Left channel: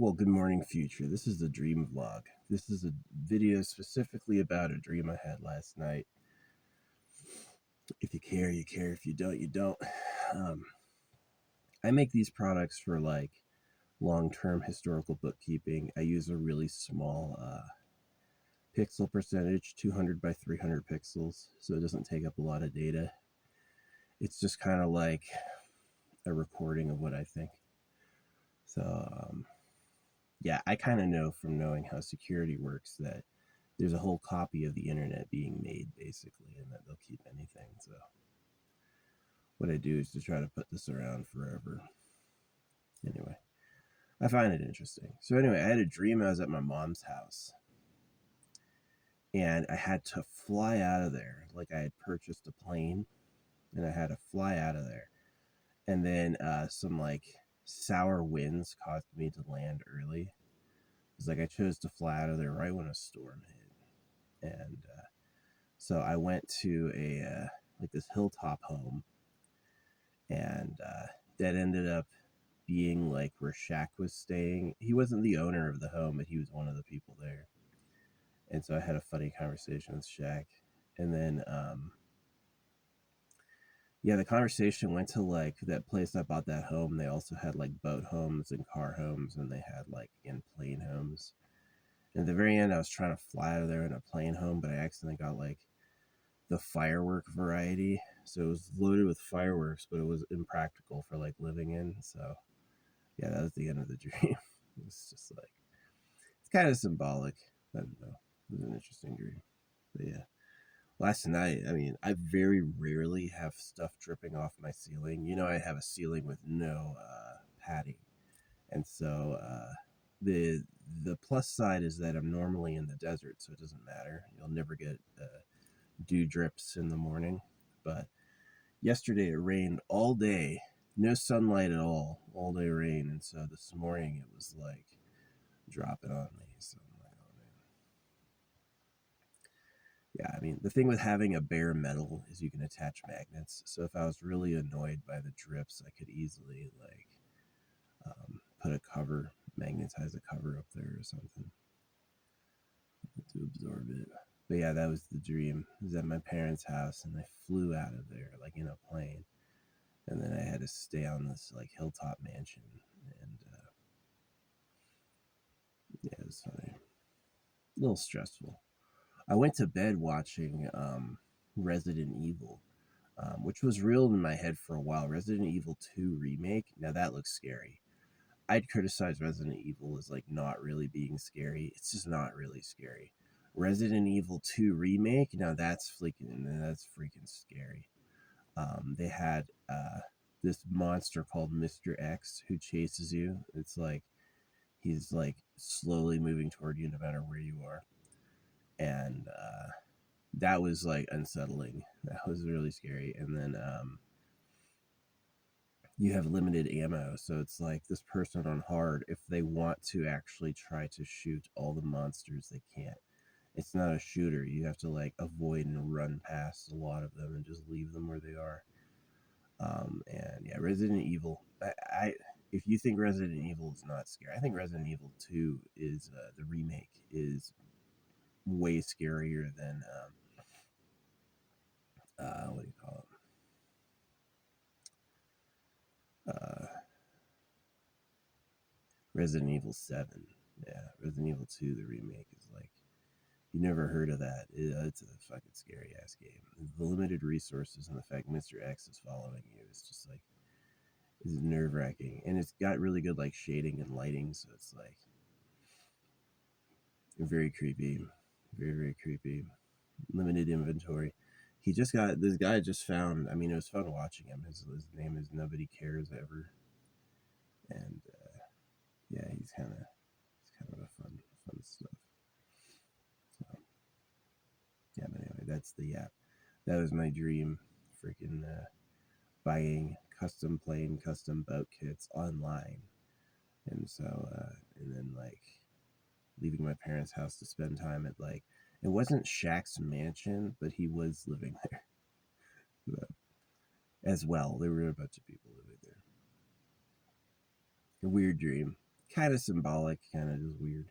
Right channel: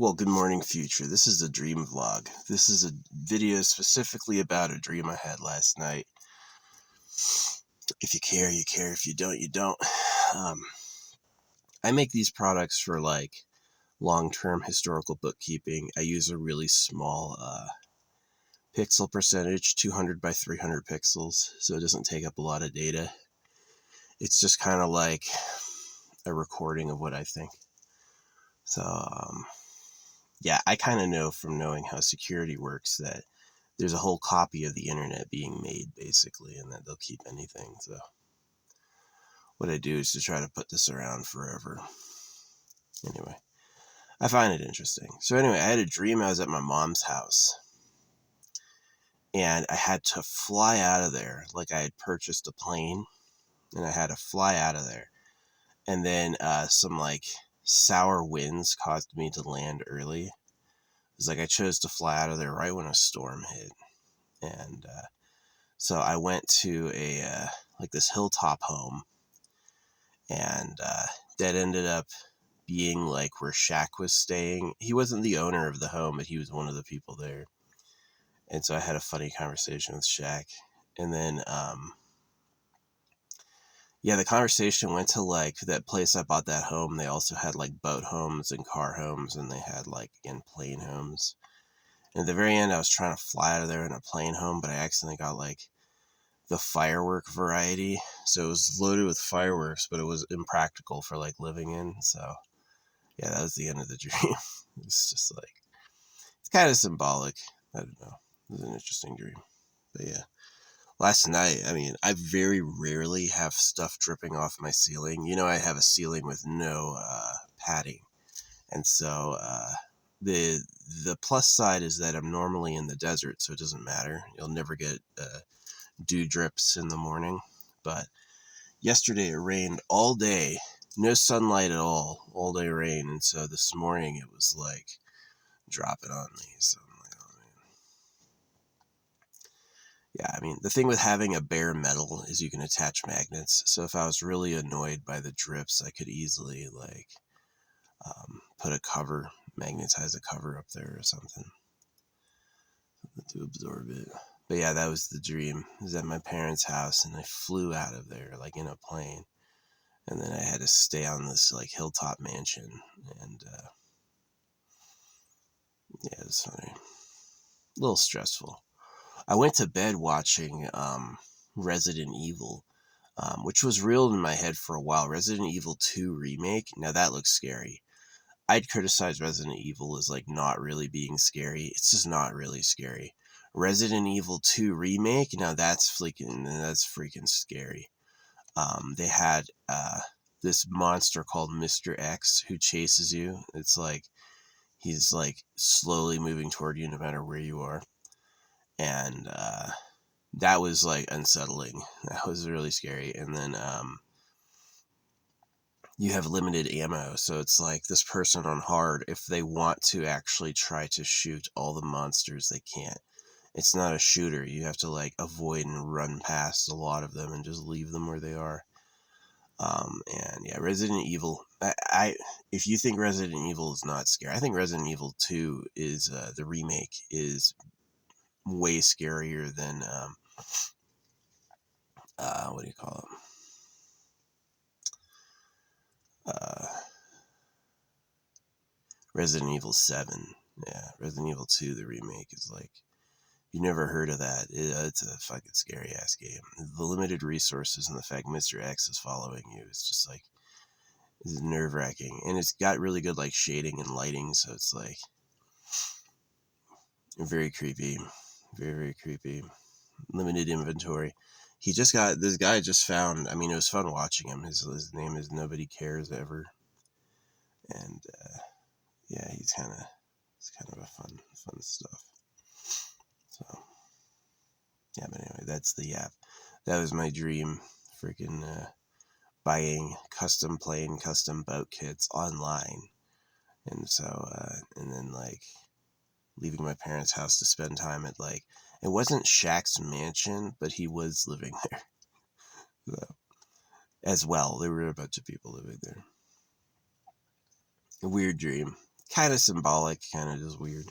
Well, good morning, future. This is a dream vlog. This is a video specifically about a dream I had last night. If you care, you care. If you don't, you don't. I make these products for like long-term historical bookkeeping. I use a really small pixel percentage, 200 by 300 pixels, so it doesn't take up a lot of data. It's just kind of like a recording of what I think. So, yeah, I kind of know from knowing how security works that there's a whole copy of the internet being made, basically, and that they'll keep anything. So what I do is to try to put this around forever. Anyway, I find it interesting. So anyway, I had a dream I was at my mom's house, and I had to fly out of there. Like I had purchased a plane, and I had to fly out of there. And then some like sour winds caused me to land early. It was like I chose to fly out of there right when a storm hit. And so I went to a like this hilltop home, and that ended up being like where Shaq was staying. He wasn't the owner of the home, but he was one of the people there. And so I had a funny conversation with Shaq. And then yeah, the conversation went to like that place I bought that home. They also had like boat homes and car homes, and they had like again plane homes. And at the very end, I was trying to fly out of there in a plane home, but I accidentally got like the firework variety. So it was loaded with fireworks, but it was impractical for like living in. So yeah, that was the end of the dream. It was just like, it's kind of symbolic. I don't know. It was an interesting dream. But yeah, last night, I mean, I very rarely have stuff dripping off my ceiling. You know, I have a ceiling with no padding. And so the plus side is that I'm normally in the desert, so it doesn't matter. You'll never get dew drips in the morning. But yesterday it rained all day, no sunlight at all day rain. And so this morning it was like dropping on me. So I'm like, oh man. Yeah, I mean, the thing with having a bare metal is you can attach magnets. So if I was really annoyed by the drips, I could easily like put a cover, magnetize a cover up there or something to absorb it. But yeah, that was the dream. I was at my parents' house, and I flew out of there like in a plane. And then I had to stay on this like hilltop mansion. And yeah, it was funny. A little stressful. I went to bed watching Resident Evil, which was real in my head for a while. Resident Evil 2 remake. Now that looks scary. I'd criticize Resident Evil as like not really being scary. It's just not really scary. Resident Evil 2 remake. Now that's freaking scary. They had this monster called Mr. X who chases you. It's like he's like slowly moving toward you no matter where you are. And that was like unsettling. That was really scary. And then you have limited ammo, so it's like this person on hard, if they want to actually try to shoot all the monsters, they can't. It's not a shooter. You have to like avoid and run past a lot of them and just leave them where they are. And yeah, Resident Evil. I if you think Resident Evil is not scary, I think Resident Evil 2 is the remake is way scarier than what do you call it? Resident Evil 7. Yeah, Resident Evil 2, the remake is like, you never heard of that. It's a fucking scary ass game. The limited resources and the fact Mr. X is following you is just like, it's nerve wracking. And it's got really good like shading and lighting, so it's like very creepy. Very, very creepy. Limited inventory. This guy just found, I mean, it was fun watching him. His name is Nobody Cares Ever. And yeah, it's kind of a fun stuff. So yeah, but anyway, that's the app. That was my dream. Freaking buying custom plane, custom boat kits online. And so, and then like leaving my parents' house to spend time at like, it wasn't Shaq's mansion, but he was living there. So, as well, there were a bunch of people living there. A weird dream. kind of symbolic, kind of just weird.